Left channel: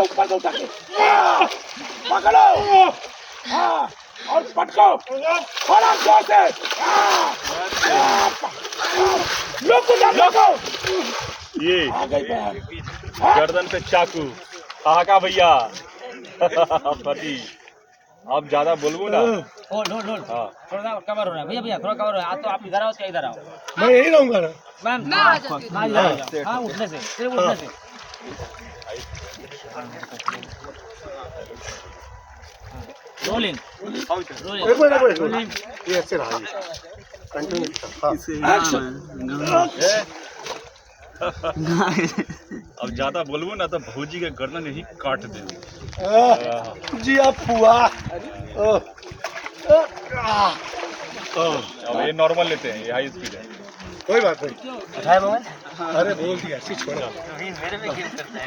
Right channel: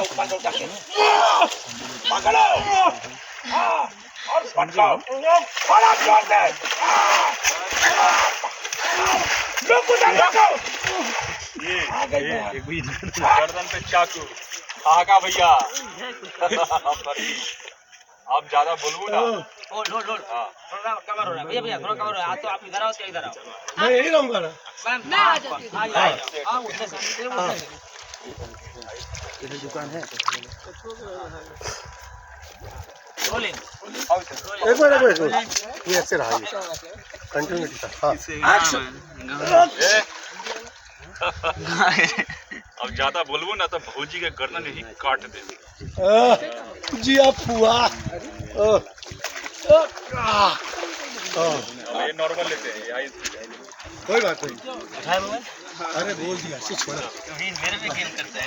से ऊपर से उठा के पकड़ो। हाँ, और पटको और आप जोर से लोगो। ये गर्दन पे चाकू कहा भैया। आप ज्यादा बोलबो ना। होल्ड थोड़ा कवर हो रहा है भैया भैया, थोड़ा कवर हो रहा है। तो आप इधर आओ, क्या इधर आओ। मैं यही रहूंगा ना। मैं आ जाती हूँ। हाँ उठने से सिर्फ उठने से। रोलिंग एक मिनट ये ऐसे रहा, कंटिन्यू हाँ। अब ज्यादा बोलबो ना तो भौजी के गर्दन ही काट देंगे। जी आप हुआ अब ये नॉर्मल लेते हैं, ये हाई स्पीड है। कोई बात नहीं। उठाए मोबाइल। अरे बोल दिया, छोड़ा। मेरे में गेम करता है।